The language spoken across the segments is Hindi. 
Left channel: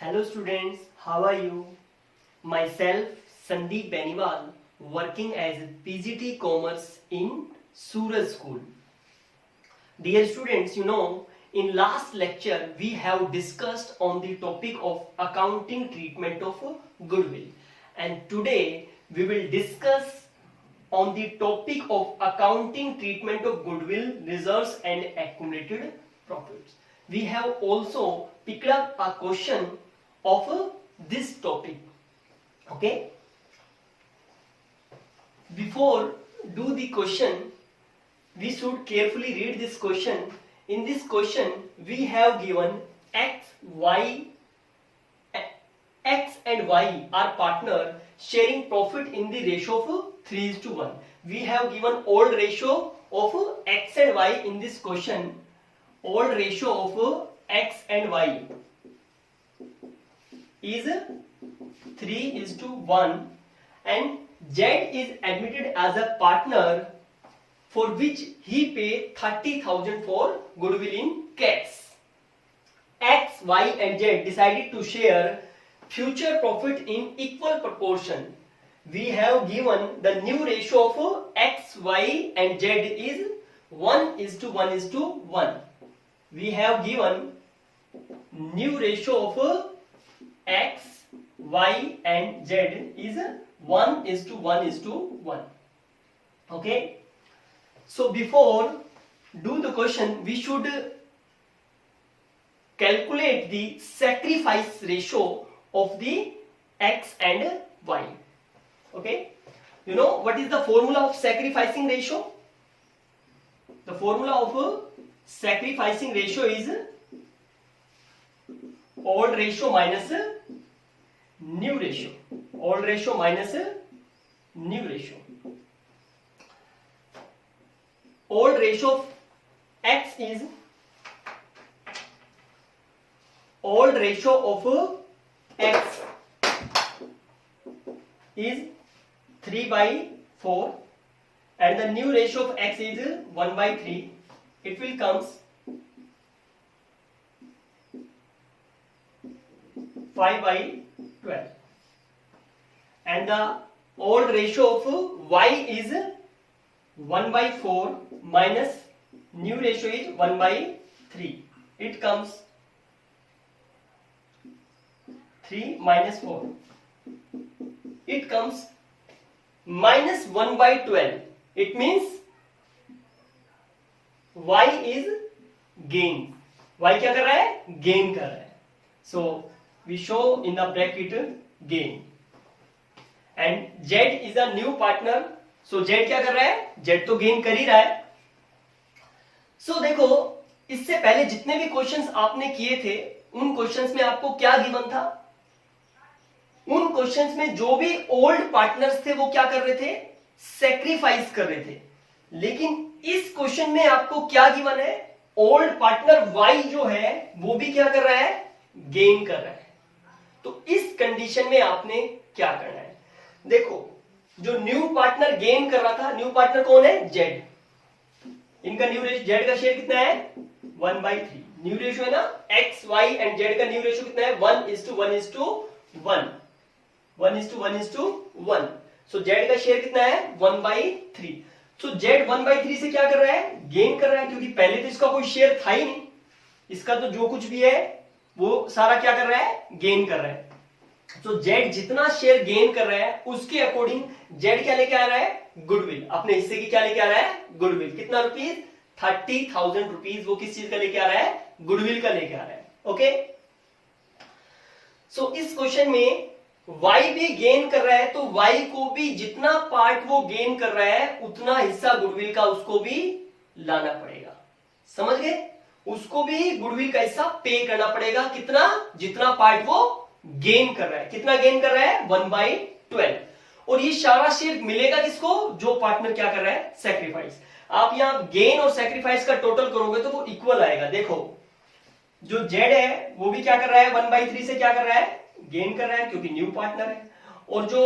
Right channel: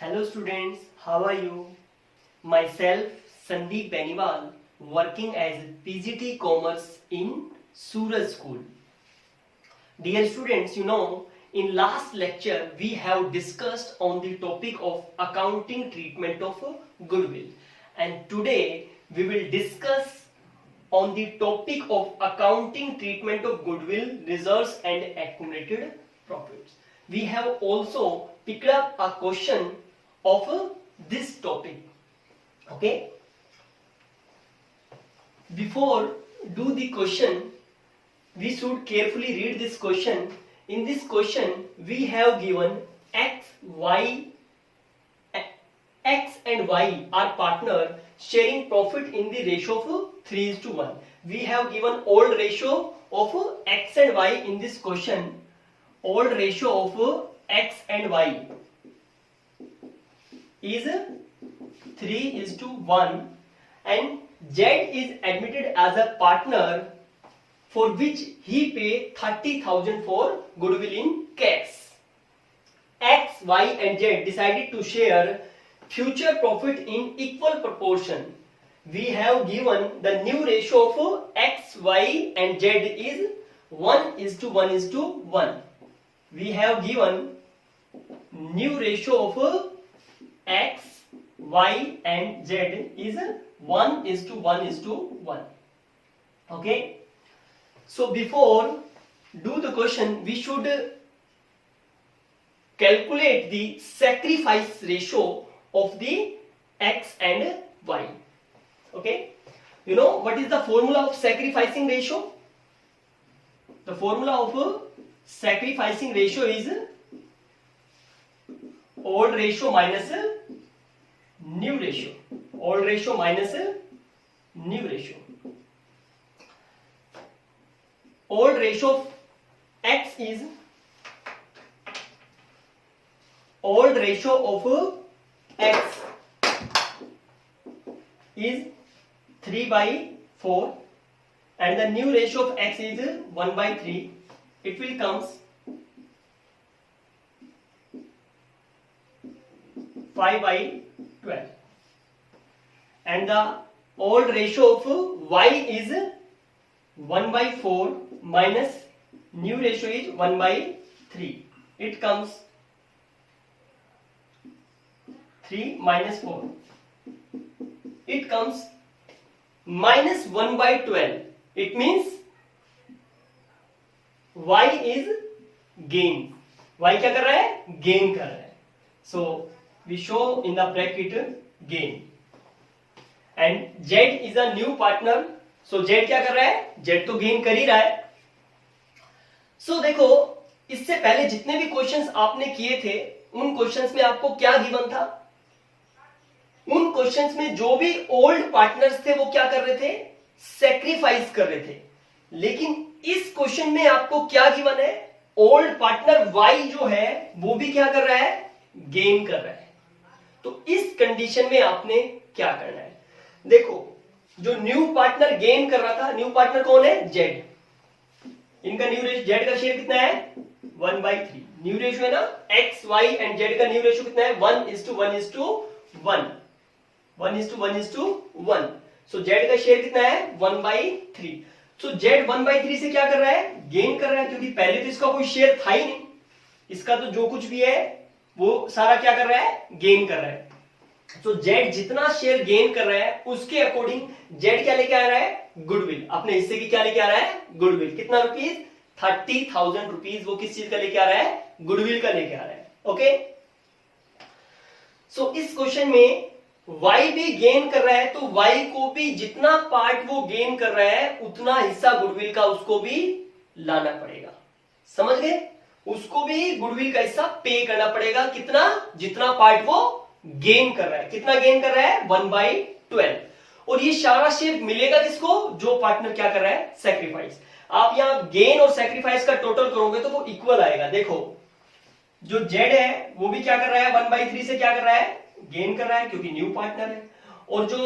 Hello students, how are you? Myself Sandeep Beniwal, working as PGT Commerce in Suraj School. Dear students, in last lecture we have discussed on the topic of accounting treatment of goodwill, and today we will discuss on the topic of accounting treatment of goodwill, reserves and accumulated profits. We have also picked up a question of this topic. Okay, before do the question, we should carefully read this question. In this question we have given x and y are partner sharing profit in the ratio of 3:1. We have given old ratio of x and y in this question. Old ratio of x and y is 3:1 and Z is admitted as a partner for which he paid 30,000 for goodwill in cash. X, Y and Z decided to share future profit in equal proportion. We have given the new ratio of X, Y and Z is 1:1:1. We have given new ratio of X, Y and Z is 1:1:1. Okay. So before do the question, we should calculate the sacrifice ratio of the X and Y. Okay. You know what is the formula of sacrificing ratio? The formula of sacrificing ratio is old ratio minus new ratio. Old ratio minus new ratio. Old ratio of X is old ratio of X is 3/4 and the new ratio of X is 1/3. It will comes 5/12 and the old ratio of Y is 1/4 minus new ratio is 1/3. It comes 3 minus 4. It comes minus 1/12. It means Y is gain. Y क्या कर रहा है? Gain कर रहा है. So we show in the bracket gain. And Z is a new partner. So Z क्या कर रहा है? Z तो गेन कर ही रहा है. So देखो, इससे पहले जितने भी क्वेश्चंस आपने किए थे उन क्वेश्चंस में आपको क्या गिवन था? उन क्वेश्चंस में जो भी ओल्ड पार्टनर्स थे वो क्या कर रहे थे? सेक्रीफाइस कर रहे थे. लेकिन इस क्वेश्चन में आपको क्या गिवन है? ओल्ड पार्टनर Y जो है वो भी क्या कर रहा है? गेन कर रहा है. तो इस कंडीशन में आपने क्या करना है? देखो, जो न्यू पार्टनर गेन कर रहा था, न्यू पार्टनर कौन है? जेड. इनका न्यू रेशियो, जेड का शेयर कितना है? 1/3. न्यू रेशियो है ना, एक्स वाई एंड जेड का न्यू रेशियो कितना है? 1:1:1. 1:1:1. सो जेड का शेयर कितना है? 1/3. तो जेड 1/3 से क्या कर रहा है? गेन कर रहा है, क्योंकि पहले तो इसका कोई शेयर था ही नहीं. इसका तो जो कुछ भी है वो सारा क्या कर रहा है? गेन कर रहा है. तो जेड जितना शेयर गेन कर रहा है उसके अकॉर्डिंग जेड क्या लेके आ रहा है? गुडविल. अपने हिस्से की क्या लेके आ रहा है? गुडविल. कितना रुपीज? 30,000 रुपीज. वो किस चीज का लेके आ रहा है? गुडविल का लेके आ रहा है. ओके. सो इस क्वेश्चन में Y भी गेन कर रहा है, तो Y को भी जितना पार्ट वो गेन कर रहा है उतना हिस्सा गुडविल का उसको भी लाना पड़ेगा. समझ गए? उसको भी गुडविल का हिस्सा पे करना पड़ेगा. कितना? जितना पार्ट वो गेन कर रहा है. कितना गेन कर रहा है? 1/12. और ये सारा शेयर मिलेगा किसको? जो पार्टनर क्या कर रहा है? सेक्रीफाइस. आप यहां गेन और सेक्रीफाइस का टोटल करोगे तो वो इक्वल आएगा. देखो, जो जेड है वो भी क्या कर रहा है? 1/3 से क्या कर रहा है? गेन कर रहा है, क्योंकि न्यू पार्टनर है. और जो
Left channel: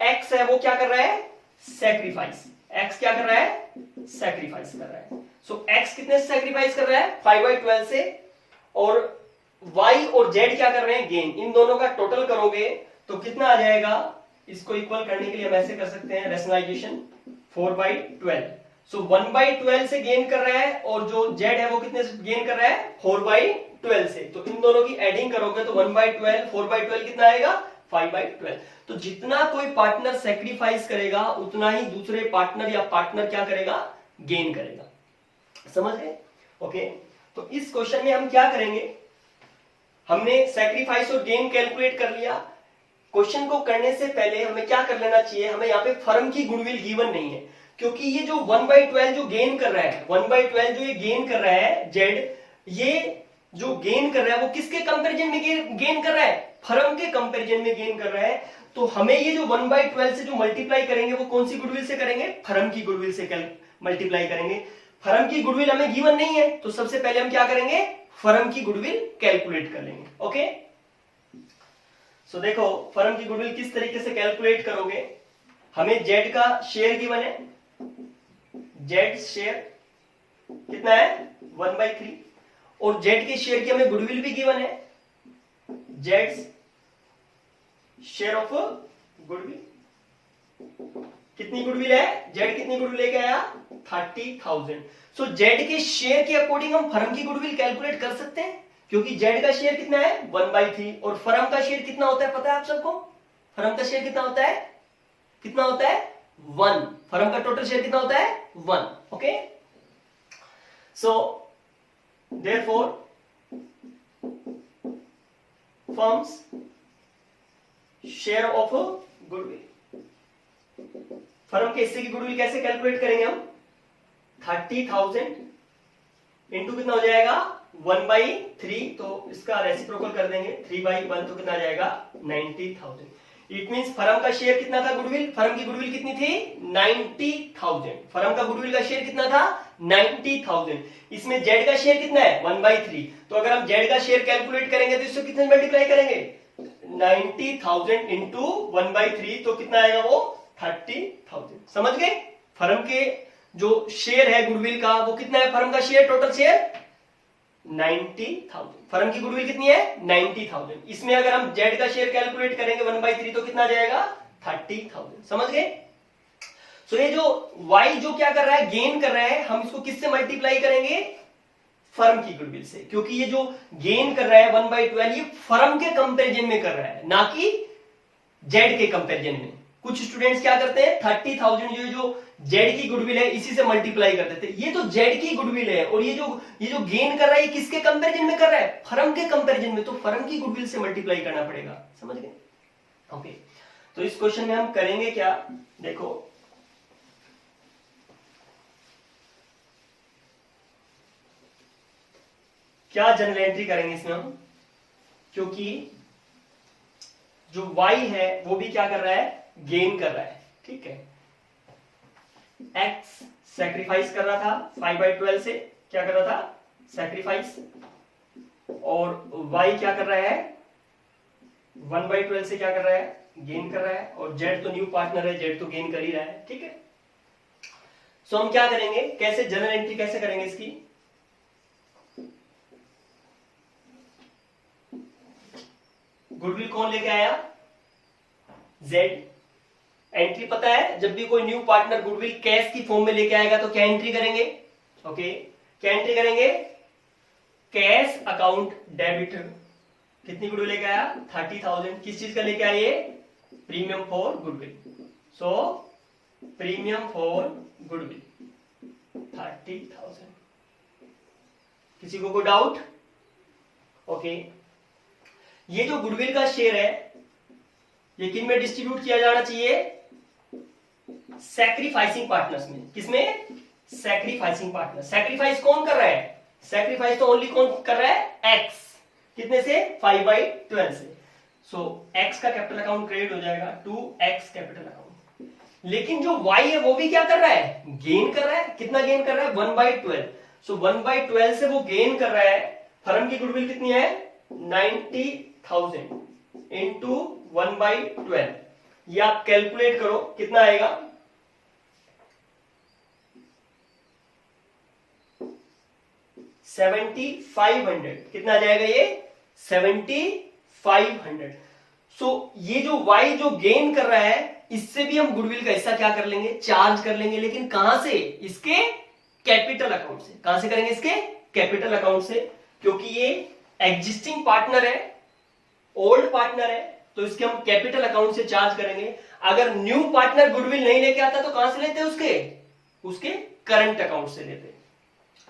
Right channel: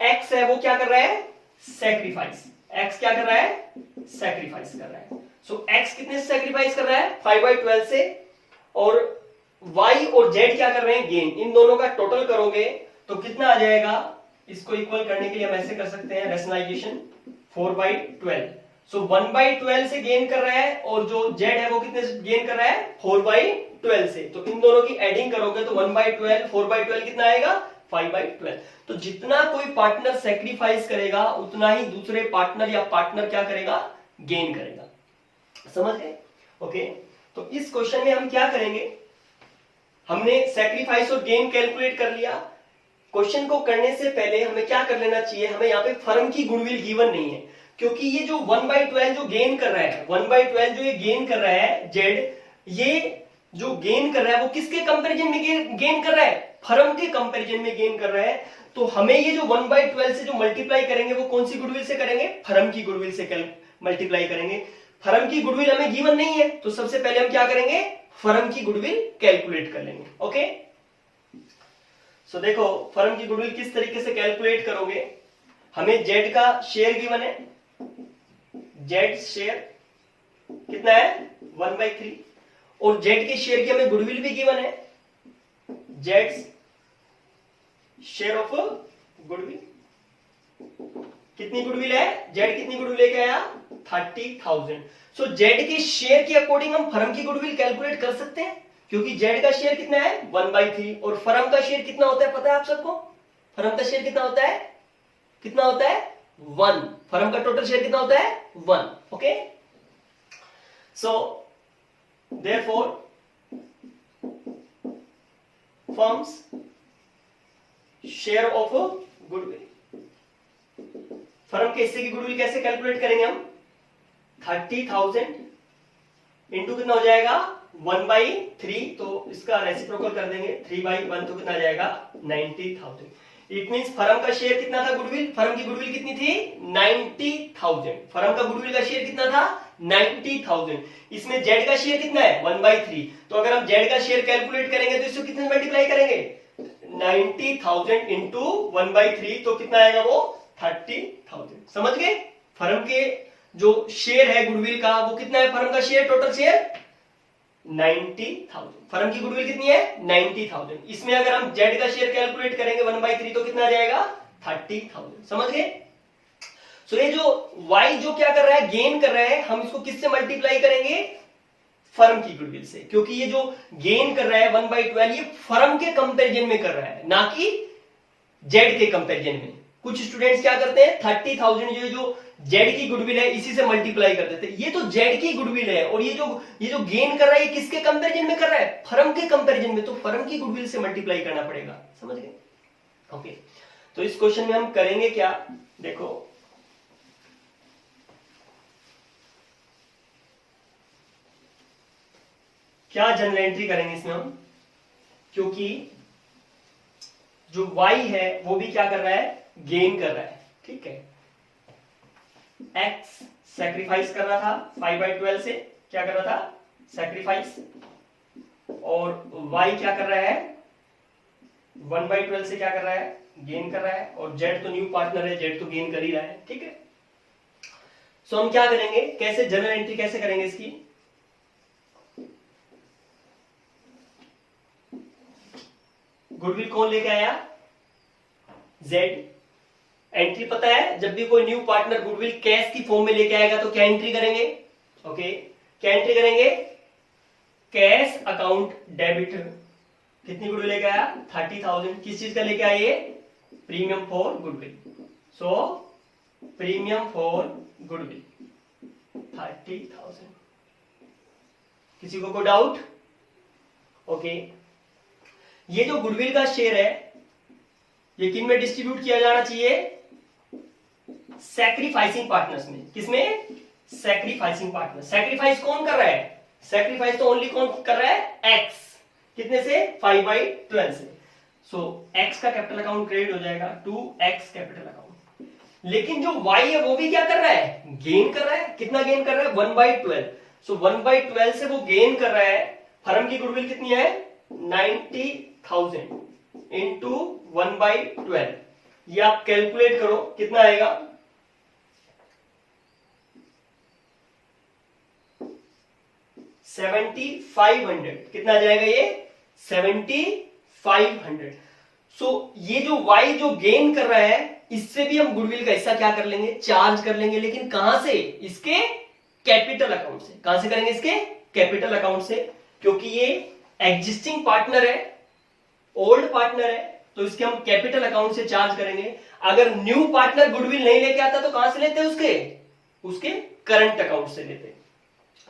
एक्स है वो क्या कर रहा है? सेक्रीफाइस. एक्स क्या कर रहा है? सेक्रीफाइस कर रहा है. सो एक्स कितने से सेक्रीफाइस कर रहा है? 5/12 से. और y और z क्या कर रहे हैं, गेन, इन दोनों का टोटल करोगे तो कितना आ जाएगा, इसको इक्वल करने के लिए हम ऐसे कर सकते हैं रेशनलाइजेशन, 4/12। सो 1/12 से गेन कर रहा है और जो z है वो कितने से गेन कर रहा है, 4/12 से। तो इन दोनों की एडिंग करोगे तो 1/12 4/12 कितना आएगा, 5/12। तो जितना कोई पार्टनर सेक्रीफाइस करेगा उतना ही दूसरे पार्टनर या पार्टनर क्या करेगा, गेन करेगा। समझ गए? ओके, तो इस क्वेश्चन में हम क्या करेंगे, हमने सेक्रीफाइस और गेन कैलकुलेट कर लिया। क्वेश्चन को करने से पहले हमें क्या कर लेना चाहिए, हमें यहाँ पे फर्म की गुडविल गिवन नहीं है, क्योंकि ये जो 1/12 जो गेन कर रहा है, 1/12 जो ये गेन कर रहा है जेड, ये जो गेन कर रहा है वो किसके कंपैरिजन में गेन कर रहा है, फर्म के कंपैरिजन में गेन कर रहा है। तो हमें ये जो 1/12 से जो मल्टीप्लाई करेंगे वो कौन सी गुडविल से करेंगे, फर्म की गुडविल से मल्टीप्लाई करेंगे। फर्म की गुडविल हमें गिवन नहीं है, तो सबसे पहले हम क्या करेंगे, फर्म की गुडविल कैलकुलेट कर लेंगे। ओके, सो देखो फर्म की गुडविल किस तरीके से कैलकुलेट करोगे, हमें जेड का शेयर गिवन है, जेड शेयर कितना है 1/3, और जेड के शेयर की हमें गुडविल भी गिवन है, जेड शेयर ऑफ गुडविल, कितनी गुडविल है, जेड कितनी गुडविल लेके आया 30,000। सो जेड के शेयर के अकॉर्डिंग हम फर्म की गुडविल कैलकुलेट कर सकते हैं, क्योंकि जेड का शेयर कितना है 1/3 और फर्म का शेयर कितना होता है पता है आप सबको, फर्म का शेयर कितना होता है, कितना होता है 1, फर्म का टोटल शेयर कितना होता है 1। Okay, so therefore firms share of goodwill, firm के हिस्से की गुडविल कैसे कैलकुलेट करेंगे हम, 30,000 इंटू कितना हो जाएगा 1/3, तो इसका रेसिप्रोकल कर देंगे 3/1, तो कितना आ जाएगा 90,000। इट मींस फर्म का शेयर कितना था गुडविल, फर्म की गुडविल कितनी थी 90,000, फर्म का गुडविल का शेयर कितना था 90,000। इसमें जेड का शेयर कितना है 1/3, तो अगर हम जेड का शेयर कैलकुलेट करेंगे तो इसको कितने मल्टीप्लाई करेंगे 90,000 इंटू 1/3, तो कितना आएगा वो 30,000। समझ गए? फर्म के जो शेयर है गुडविल का वो कितना है, फर्म का शेयर टोटल शेयर 90,000, फर्म की गुडविल कितनी है 90,000। इसमें अगर हम जेड का शेयर कैलकुलेट करेंगे 1/3 तो कितना जाएगा 30,000। समझ गए? सो ये जो y जो क्या कर रहा है, गेन कर रहा है, हम इसको किससे मल्टीप्लाई करेंगे, फर्म की गुडविल से, क्योंकि ये जो गेन कर रहा है 1/12 ये फर्म के कंपैरिजन में कर रहा है, ना कि जेड के कंपैरिजन में। कुछ स्टूडेंट्स क्या करते हैं 30,000 जो जेड की गुडविल है इसी से मल्टीप्लाई कर देते हैं, ये तो जेड की गुडविल है, और ये जो गेन कर रहा है ये किसके कंपैरिजन में कर रहा है, फर्म के कंपैरिजन में, तो फर्म की गुडविल से मल्टीप्लाई करना पड़ेगा। समझ गए? ओके, तो इस क्वेश्चन में हम करेंगे क्या, देखो क्या जनरल एंट्री करेंगे इसमें हम, क्योंकि जो y है वो भी क्या कर रहा है, गेन कर रहा है। ठीक है, x सैक्रिफाइस कर रहा था 5/12 से, क्या कर रहा था सैक्रिफाइस, और y क्या कर रहा है 1/12 से क्या कर रहा है, गेन कर रहा है, और z तो न्यू पार्टनर है, z तो गेन कर ही रहा है। ठीक है, सो हम क्या करेंगे, कैसे जनरल एंट्री कैसे करेंगे इसकी, गुडविल कौन लेके आया, z। एंट्री पता है, जब भी कोई न्यू पार्टनर गुडविल कैश की फॉर्म में लेके आएगा तो क्या एंट्री करेंगे, ओके क्या एंट्री करेंगे, कैश अकाउंट डेबिट। कितनी गुडविल लेके आया 30,000, किस चीज का लेके आए, premium for goodwill. So premium for goodwill 30,000। किसी को कोई डाउट? ओके, ये जो गुडविल का शेयर है ये किन में डिस्ट्रीब्यूट किया जाना चाहिए, सैक्रिफाइसिंग पार्टनर्स में। किसमें, सैक्रिफाइसिंग पार्टनर। सैक्रिफाइस कौन कर रहा है, सैक्रिफाइस तो ओनली कौन कर रहा है, एक्स। कितने से 5/12 से। सो एक्स का कैपिटल अकाउंट क्रेडिट हो जाएगा टू एक्स कैपिटल अकाउंट। लेकिन जो वाई है वो भी क्या कर रहा है, गेन कर रहा है। कितना गेन कर रहा है 1/12। सो 1/12 से वो गेन कर रहा है। फर्म की गुडविल कितनी है 90,000 इंटू 1/12। ये आप कैलकुलेट करो कितना आएगा, 7,500। कितना आ जाएगा ये 7500। सो ये जो y जो गेन कर रहा है, इससे भी हम गुडविल का हिस्सा क्या कर लेंगे, चार्ज कर लेंगे। लेकिन कहां से, इसके कैपिटल अकाउंट से। कहां से करेंगे, इसके कैपिटल अकाउंट से, क्योंकि ये एग्जिस्टिंग पार्टनर है, ओल्ड पार्टनर है, तो इसके हम कैपिटल अकाउंट से चार्ज करेंगे। अगर न्यू पार्टनर गुडविल नहीं लेके आता तो कहां से लेते हैं, उसके करंट अकाउंट से लेते।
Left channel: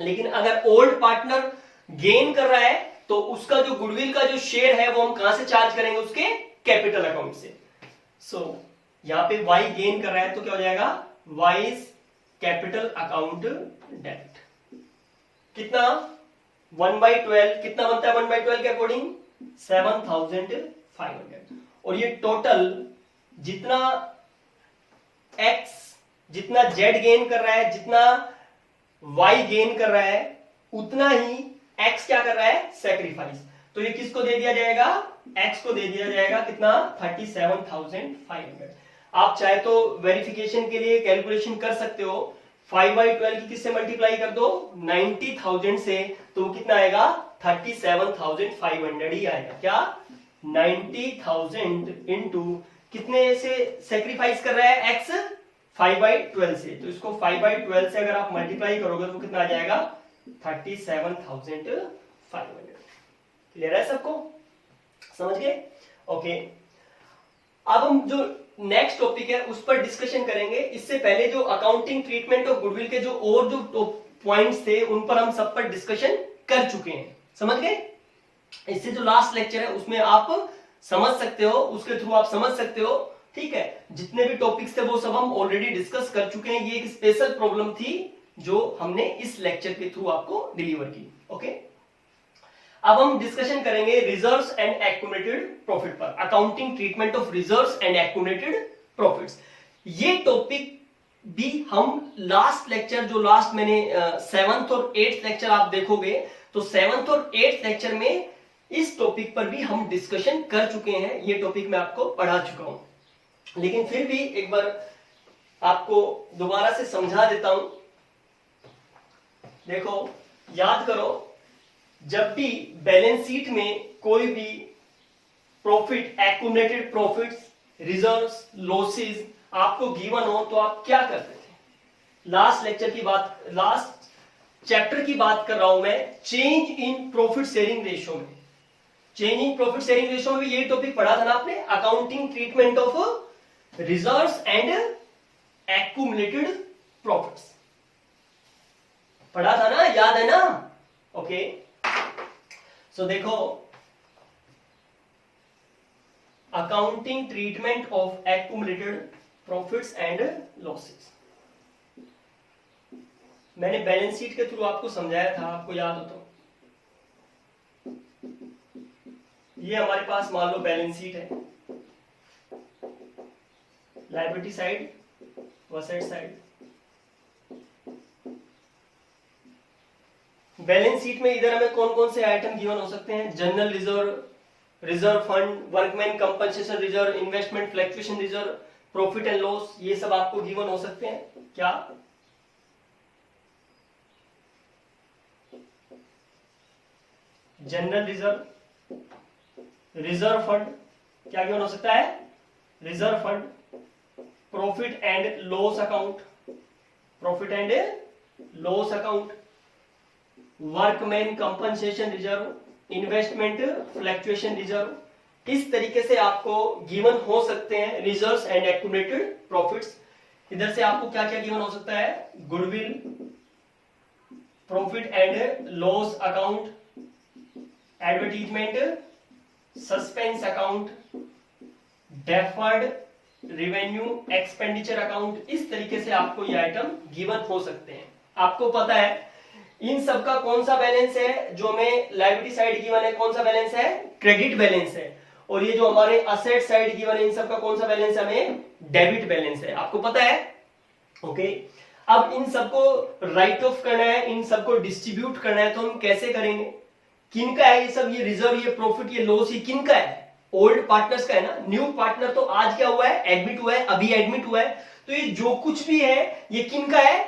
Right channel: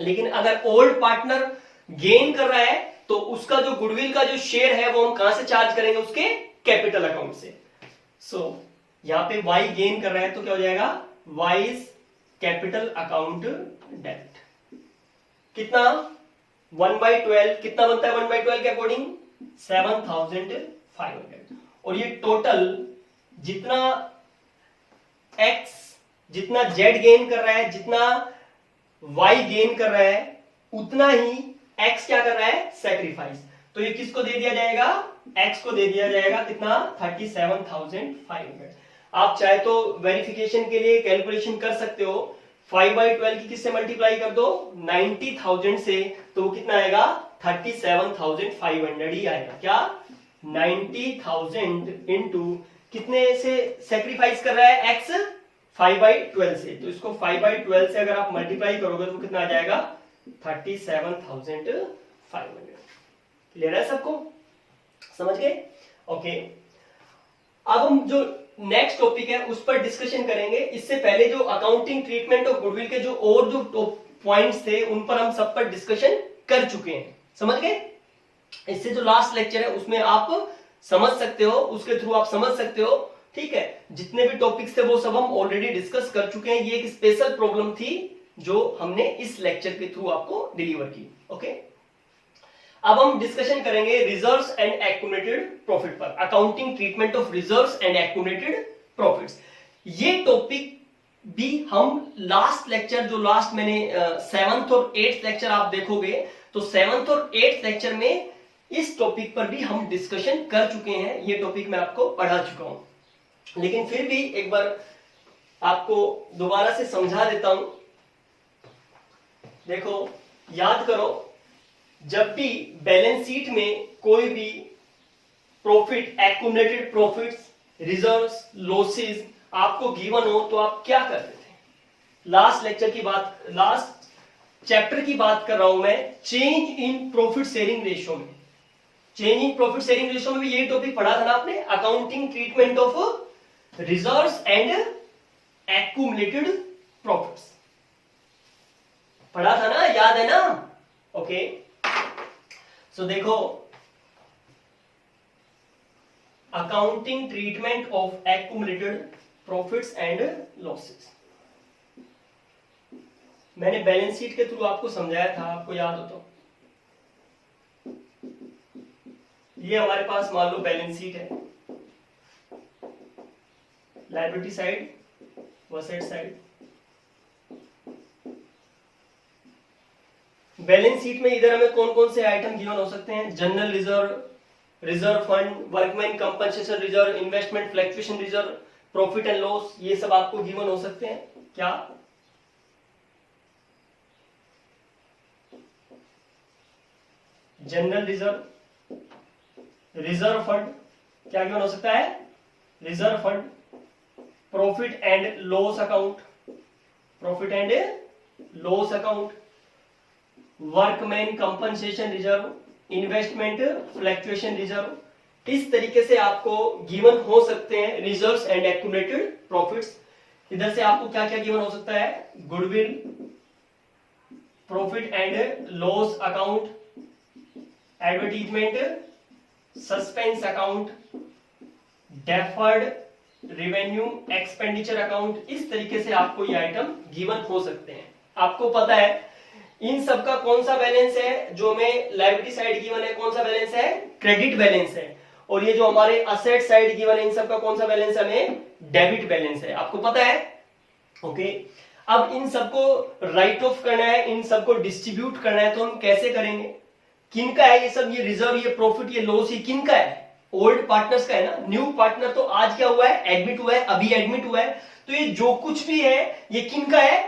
लेकिन अगर ओल्ड पार्टनर गेन कर रहा है तो उसका जो गुडविल का जो शेयर है वो हम कहां से चार्ज करेंगे, उसके कैपिटल अकाउंट से। सो यहां पे y गेन कर रहा है तो क्या हो जाएगा, y इज कैपिटल अकाउंट डेब्ट। कितना 1/12, कितना बनता है 1/12 के अकॉर्डिंग 7500। और ये टोटल जितना x, जितना z गेन कर रहा है, जितना y गेन कर रहा है, उतना ही x क्या कर रहा है, सैक्रिफाइस। तो ये किसको दे दिया जाएगा, x को दे दिया जाएगा, कितना 37,500। आप चाहे तो वेरिफिकेशन के लिए कैलकुलेशन कर सकते हो, 5/12 की किससे मल्टीप्लाई कर दो, 90,000 से, तो वो कितना आएगा 37,500 ही आएगा। क्या 90,000 इंटू कितने से सेक्रीफाइस कर रहा है x, 5/12 से, तो इसको 5/12 से अगर आप मल्टीप्लाई करोगे तो कितना आ जाएगा 37,500। क्लियर है सबको, समझ गए? ओके, अब हम जो नेक्स्ट टॉपिक है उस पर डिस्कशन करेंगे। इससे पहले जो अकाउंटिंग ट्रीटमेंट ऑफ गुडविल के जो और जो पॉइंट्स थे उन पर हम सब पर डिस्कशन कर चुके हैं, समझ गए? इससे जो लास्ट लेक्चर है उसमें आप समझ सकते हो, उसके थ्रू आप समझ सकते हो, ठीक है? जितने भी टॉपिक्स थे वो सब हम ऑलरेडी डिस्कस कर चुके हैं। ये एक स्पेशल प्रॉब्लम थी जो हमने इस लेक्चर के थ्रू आपको डिलीवर की। ओके, अब हम डिस्कशन करेंगे रिजर्व्स एंड एक्यूमुलेटेड प्रॉफिट पर, accounting treatment of reserves and accumulated profits. ये टॉपिक भी हम लास्ट लेक्चर, जो लास्ट मैंने 7th और 8th लेक्चर आप देखोगे तो 7th और 8th लेक्चर में इस टॉपिक पर भी हम डिस्कशन कर चुके हैं। ये टॉपिक मैं आपको पढ़ा चुका हूं, लेकिन फिर भी एक बार आपको दोबारा से समझा देता हूं। देखो, याद करो, जब भी बैलेंस शीट में कोई भी profit, accumulated profits, reserves, losses आपको गिवन हो तो आप क्या करते थे? लास्ट लेक्चर की बात, लास्ट चैप्टर की बात कर रहा हूं मैं, change in profit sharing ratio में। Change in profit sharing ratio में भी यही टॉपिक पढ़ा था ना आपने, accounting treatment of reserves and accumulated profits पढ़ा था ना, याद है ना? ओके, सो देखो, accounting treatment of accumulated profits and losses. मैंने बैलेंस शीट के थ्रू आपको समझाया था, आपको याद हो तो। ये हमारे पास मान लो बैलेंस शीट है, लायबिलिटी साइड व एसेट साइड। बैलेंस शीट में इधर हमें कौन कौन से आइटम गिवन हो सकते हैं? General reserve, reserve fund, workman compensation reserve, investment fluctuation reserve, profit and loss, ये सब आपको गिवन हो सकते हैं। क्या जनरल रिजर्व, रिजर्व फंड, क्या गिवन हो सकता है? Reserve fund, profit and loss account, profit and loss account, workman compensation reserve, investment fluctuation reserve. इस तरीके से आपको गिवन हो सकते हैं रिजर्व्स एंड एक्यूमुलेटेड प्रॉफिट्स। इधर से आपको क्या क्या गिवन हो सकता है? Goodwill, profit and loss account, advertisement, suspense account, deferred revenue expenditure account. इस तरीके से आपको ये आइटम गिवन हो सकते हैं। आपको पता है इन सब का कौन सा बैलेंस है? जो हमें लायबिलिटी साइड गिवन है कौन सा बैलेंस है? क्रेडिट बैलेंस है। और ये जो हमारे असेट साइड गिवन है इन सब का कौन सा बैलेंस है? हमें डेबिट बैलेंस है। आपको पता है? ओके, अब इन सबको राइट ऑफ करना है, इन सबको डिस्ट्रीब्यूट करना है, तो हम कैसे करेंगे? किनका है ये सब? ये रिजर्व, ये प्रॉफिट, ये लॉस, ये किनका है? ओल्ड पार्टनर्स का है ना। न्यू पार्टनर तो आज क्या हुआ है? एडमिट हुआ है, अभी एडमिट हुआ है। तो ये जो कुछ भी है ये किनका है?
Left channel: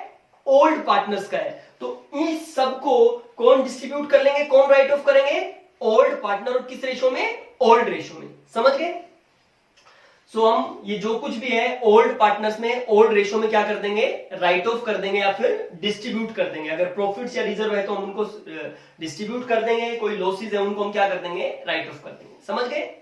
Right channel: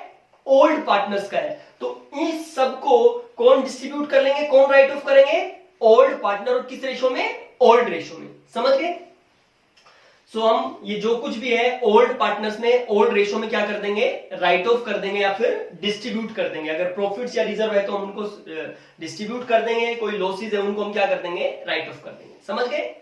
ओल्ड पार्टनर्स का है। तो इस सबको कौन डिस्ट्रीब्यूट कर लेंगे, कौन राइट ऑफ करेंगे? ओल्ड पार्टनर और किस रेशो में, ओल्ड रेशो में, समझ गए। सो हम ये जो कुछ भी है ओल्ड पार्टनर्स में ओल्ड रेशो में क्या कर देंगे, राइट ऑफ कर देंगे या फिर डिस्ट्रीब्यूट कर देंगे। अगर प्रॉफिट्स या रिजर्व है तो हम उनको डिस्ट्रीब्यूट कर देंगे, कोई लॉसेस है उनको हम क्या कर देंगे, राइट ऑफ कर देंगे, समझ गए।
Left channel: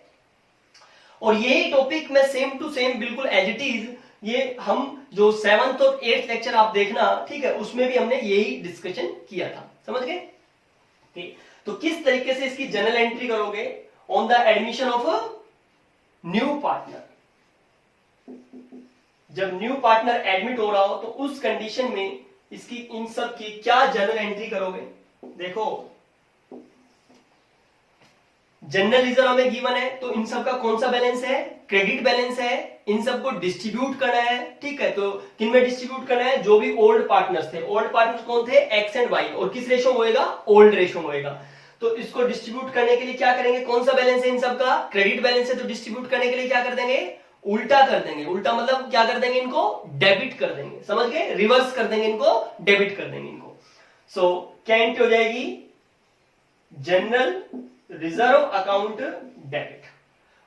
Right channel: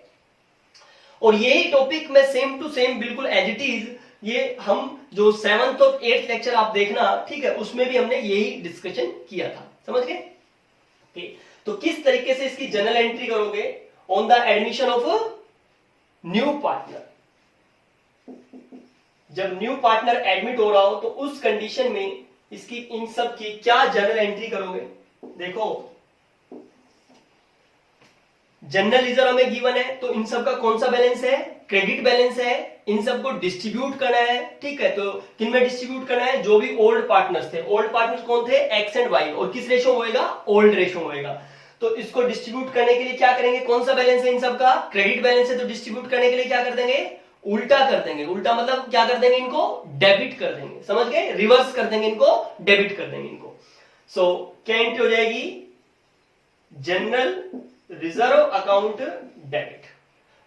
और यही टॉपिक में सेम टू सेम बिल्कुल एज इट इज, ये हम जो 7th और 8th लेक्चर आप देखना, ठीक है, उसमें भी हमने यही डिस्कशन किया था, समझ गए। तो किस तरीके से इसकी जर्नल एंट्री करोगे on the admission of new partner. जब न्यू पार्टनर एडमिट हो रहा हो तो उस कंडीशन में इसकी इन सब की क्या जर्नल एंट्री करोगे। देखो जनरल रिजर्व में गिवन है तो इन सब का कौन सा बैलेंस है, क्रेडिट बैलेंस है, इन सबको डिस्ट्रीब्यूट करना है, ठीक है। तो किन में डिस्ट्रीब्यूट करना है, जो भी ओल्ड पार्टनर्स थे, ओल्ड पार्टनर्स कौन थे, एक्स एंड वाई, और किस रेशो में होएगा, ओल्ड रेशो में होएगा। तो इसको डिस्ट्रीब्यूट करने के लिए क्या करेंगे, कौन सा बैलेंस है इन सबका, क्रेडिट बैलेंस है, तो डिस्ट्रीब्यूट करने के लिए क्या कर देंगे, उल्टा कर देंगे। उल्टा मतलब क्या कर देंगे, इनको डेबिट कर देंगे, समझ गए, रिवर्स कर देंगे, इनको डेबिट कर देंगे इनको। सो क्या एंट्री हो जाएगी, जनरल रिजर्व अकाउंट डेबिट।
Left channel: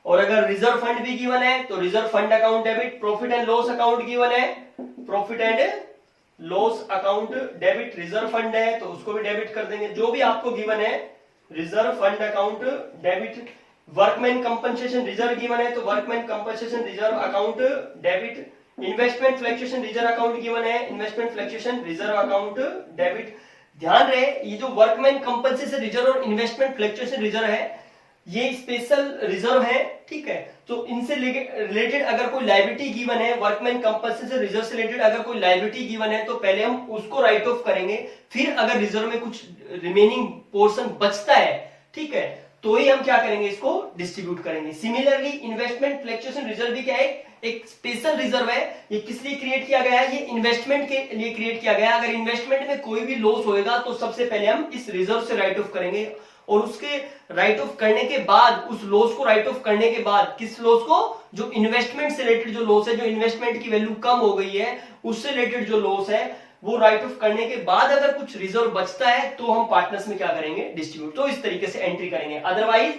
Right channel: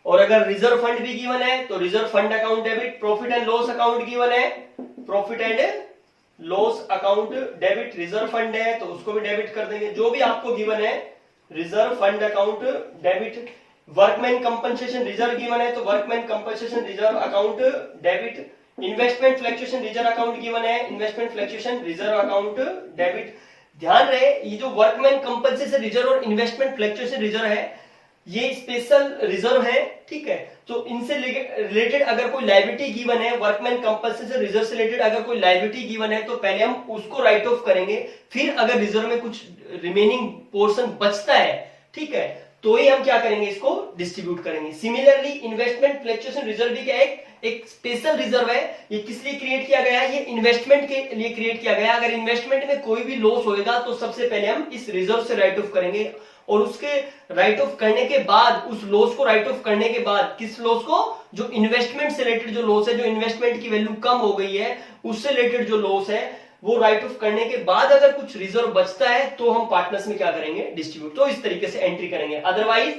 और अगर रिजर्व फंड भी गिवन है तो reserve fund account debit, profit and loss account given है, profit and loss account debit, reserve fund है तो उसको भी डेबिट कर देंगे, जो भी आपको गिवन है reserve fund account debit. Workman compensation reserve given है तो workman compensation reserve account debit. Investment fluctuation reserve account given है, investment fluctuation reserve account debit. ध्यान रहे ये जो वर्कमैन कंपनसेशन रिजर्व और इन्वेस्टमेंट फ्लक्चुएशन रिजर्व है ये स्पेशल रिजर्व है, ठीक है। तो इनसे रिलेटेड अगर कोई लायबिलिटी गिवन है, वर्कमैन कंपनसेशन रिजर्व से रिलेटेड अगर कोई लायबिलिटी गिवन है तो पहले हम उसको राइट ऑफ करेंगे, फिर अगर रिजर्व में कुछ रिमेनिंग पोर्शन बचता है, ठीक है, तो ही हम क्या करेंगे, इसको डिस्ट्रीब्यूट करेंगे। सिमिलरली इन्वेस्टमेंट फ्लक्चुएशन रिजर्व भी क्या है, एक स्पेशल रिजर्व है। ये किस लिए क्रिएट किया गया है, ये इन्वेस्टमेंट के लिए क्रिएट किया गया है। अगर इन्वेस्टमेंट में कोई भी लॉस होएगा तो सबसे पहले हम इस रिजर्व से राइट ऑफ करेंगे, और उसके राइट ऑफ करने के बाद, उस लॉस को राइट ऑफ करने के बाद, किस लॉस को, जो इन्वेस्टमेंट से रिलेटेड जो लॉस है, जो इन्वेस्टमेंट की वैल्यू कम हो गई है उससे रिलेटेड जो लॉस है, वो राइट ऑफ करने के बाद अगर कुछ रिजर्व बचता है तो हम पार्टनर्स में क्या करेंगे, डिस्ट्रीब्यूट। तो इस तरीके से एंट्री करेंगे। अदरवाइज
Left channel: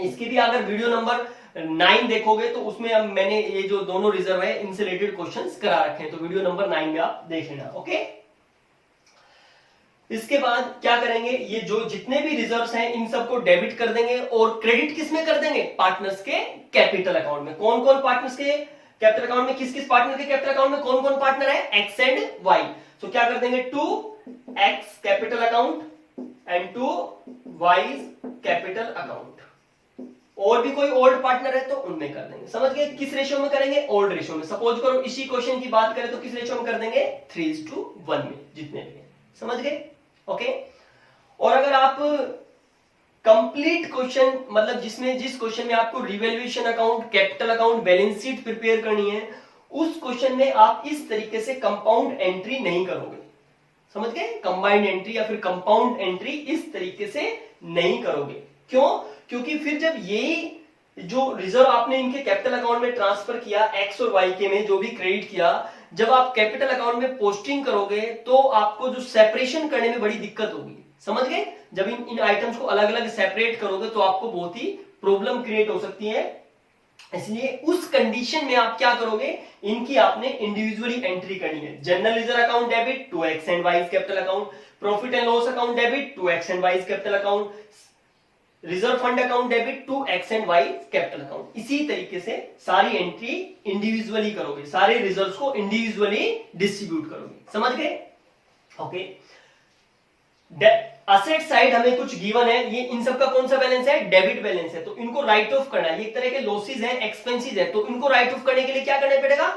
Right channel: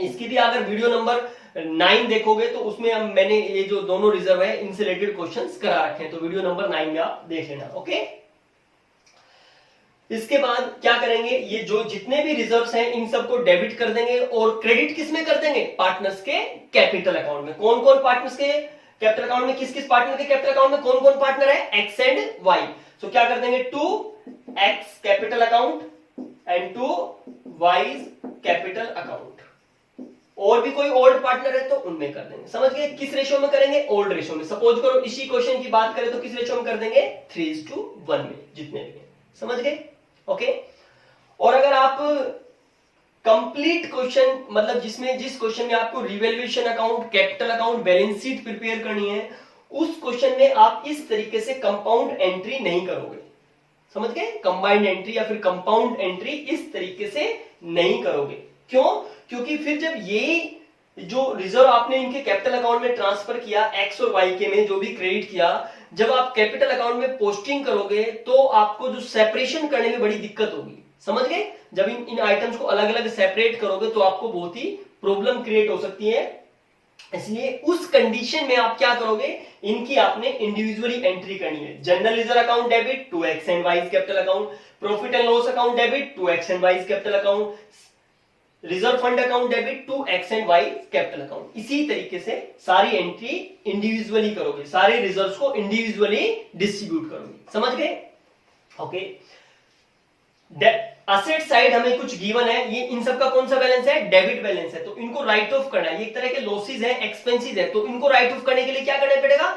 इसकी भी अगर वीडियो नंबर 9 देखोगे तो उसमें मैंने ये जो दोनों रिजर्व है इनसे रिलेटेड क्वेश्चंस करा रखे हैं, तो वीडियो नंबर 9 में आप देख लेना, ओके। इसके बाद क्या करेंगे, ये जो जितने भी रिजर्व्स हैं इन सबको डेबिट कर देंगे, और क्रेडिट किस में कर देंगे, पार्टनर्स के कैपिटल अकाउंट में। कौन कौन पार्टनर्स के कैपिटल अकाउंट में, किस किस पार्टनर के कैपिटल अकाउंट में कौन कौन पार्टनर है, एक्स एंड वाई। तो क्या कर देंगे, to X capital account and to Y capital account. और भी कोई ओल्ड पार्टनर है तो उनमें कर देंगे, समझ गए। किस रेशियो में करेंगे, ओल्ड रेशियो में। सपोज करो इसी क्वेश्चन की बात करें तो किस रेशियो में कर देंगे, 3:1 में, जितने भी हैं, समझ गए, ओके। और अगर आप कंप्लीट क्वेश्चन, मतलब जिसमें जिस क्वेश्चन में आपको revaluation account, capital account, balance sheet prepare करनी है, उस क्वेश्चन में आप इस तरीके से कंपाउंड एंट्री नहीं करोगे, समझ गए। कंबाइंड एंट्री या फिर कंपाउंड एंट्री इस तरीके से नहीं करोगे। क्यों, क्योंकि फिर जब ये जो रिजर्व आपने इनके कैपिटल अकाउंट में ट्रांसफर किया, एक्स और वाई के में जो भी क्रेडिट किया, जब आप कैपिटल अकाउंट में पोस्टिंग करोगे तो आपको जो सेपरेशन करने में बड़ी दिक्कत होगी, समझ गए। जब इन आइटम्स को अलग अलग सेपरेट करोगे तो आपको बहुत ही प्रॉब्लम क्रिएट हो सकती है। इसलिए उस कंडीशन में आप क्या करोगे, इनकी आपने इंडिविजुअली एंट्री करनी है। General reserve account debit to X and Y capital account, profit and loss account debit to X and Y capital account, reserve fund account debit to X and Y capital account. इसी तरीके से सारी एंट्री इंडिविजुअली करोगे, सारे रिजर्व्स को इंडिविजुअली डिस्ट्रीब्यूट करोगे, समझ गए, ओके। असेट साइड हमें कुछ गिवन है, ये इन सब का कौन सा बैलेंस है, डेबिट बैलेंस है, तो इनको राइट ऑफ करना है। ये एक तरह के लॉसेस है, एक्सपेंसेस है, तो इनको राइट ऑफ करने के लिए क्या करना पड़ेगा,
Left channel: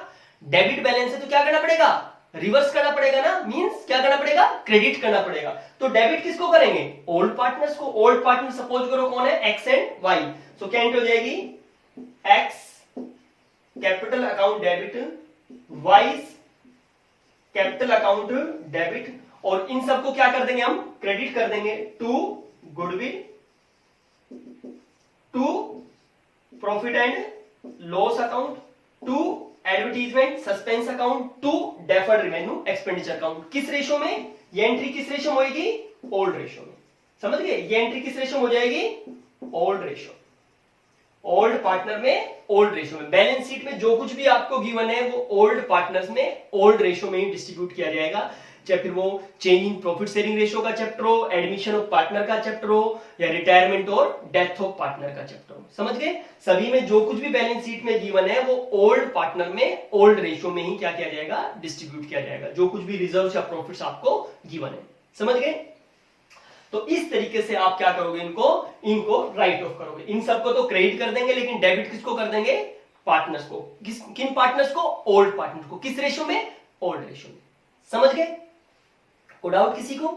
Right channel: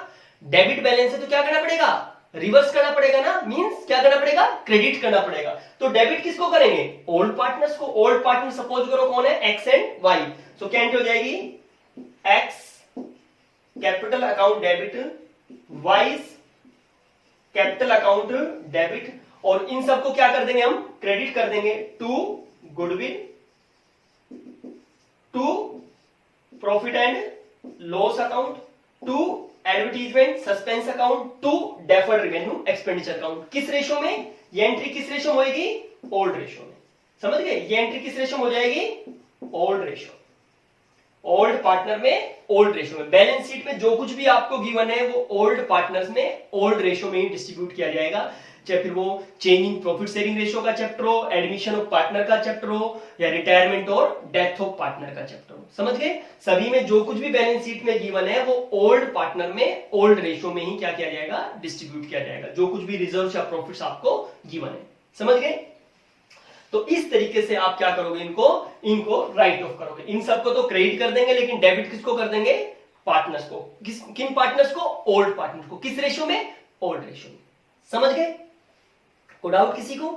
डेबिट बैलेंस है तो क्या करना पड़ेगा, रिवर्स करना पड़ेगा ना, मींस क्या करना पड़ेगा, क्रेडिट करना पड़ेगा। तो डेबिट किसको करेंगे, ओल्ड पार्टनर्स को। ओल्ड पार्टनर सपोज करो कौन है, एक्स एंड वाई। तो क्या एंट्री हो जाएगी, X capital account debit, Y capital account debit, और इन सबको क्या कर देंगे, हम क्रेडिट कर देंगे to goodwill, to profit and loss account, to advertisement suspense account, to deferred revenue expenditure account. किस रेशो में ये एंट्री, किस रेशो में होगी, ओल्ड रेशो में, समझ गए? ये एंट्री किस रेशो में हो जाएगी? Old ratio. ओल्ड पार्टनर में ओल्ड रेशो में। बैलेंस शीट में जो कुछ भी आपको गिवन है वो ओल्ड पार्टनर्स में ओल्ड रेशो में ही डिस्ट्रीब्यूट किया जाएगा, चाहे फिर वो change in profit sharing ratio का चैप्टर हो, एडमिशन ऑफ पार्टनर का चैप्टर हो, या रिटायरमेंट और डेथ ऑफ पार्टनर का चैप्टर हो। समझ गए? सभी में जो कुछ भी बैलेंस शीट में गिवन है वो ओल्ड पार्टनर में ओल्ड रेशो में ही क्या किया जाएगा? डिस्ट्रीब्यूट किया जाएगा, जो कुछ भी रिजर्व या प्रॉफिट्स आपको गिवन है। समझ गए? तो इस तरीके से आप क्या करोगे? इनको राइट ऑफ करोगे। इन सबको तो क्रेडिट कर देंगे, लेकिन डेबिट किसको कर देंगे? पार्टनर्स को। किन पार्टनर्स को? ओल्ड पार्टनर को। किस रेशो में? ओल्ड रेशो में। समझ गए? को डाउट किसी को?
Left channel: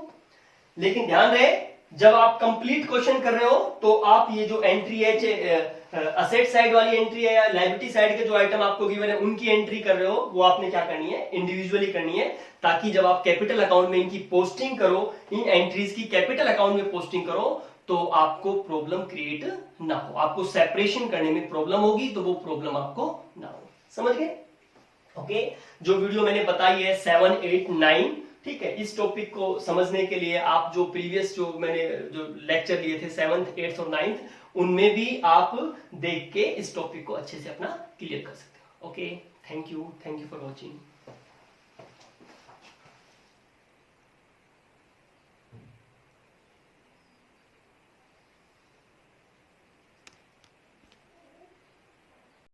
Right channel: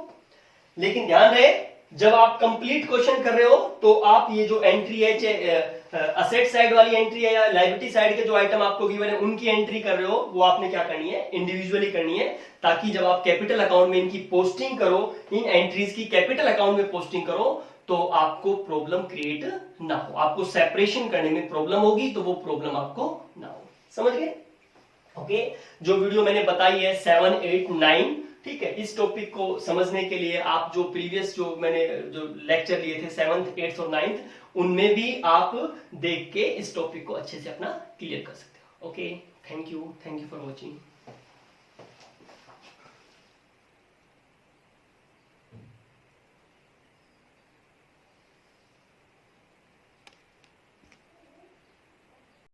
लेकिन ध्यान रहे, जब आप कंप्लीट क्वेश्चन कर रहे हो तो आप ये जो एंट्री है, असेट साइड वाली एंट्री है या लायबिलिटी साइड के जो आइटम आपको गिवन है उनकी एंट्री कर रहे हो, वो आपने क्या करनी है? इंडिविजुअली करनी है, ताकि जब आप कैपिटल अकाउंट में इनकी पोस्टिंग करो, इन एंट्रीज की कैपिटल अकाउंट में पोस्टिंग करो, तो आपको प्रॉब्लम क्रिएट ना हो। आपको सेपरेशन करने में प्रॉब्लम होगी तो वो प्रॉब्लम आपको ना हो। समझ गए? ओके, जो वीडियो मैंने बताई है 7, 8, 9, ठीक है, इस टॉपिक को समझने के लिए आप जो प्रीवियस जो मैंने जो लेक्चर लिए थे 7th, 8th और 9th, उनमें भी आप देख के इस टॉपिक को अच्छे से अपना क्लियर कर सकते हो। Okay, thank you for watching.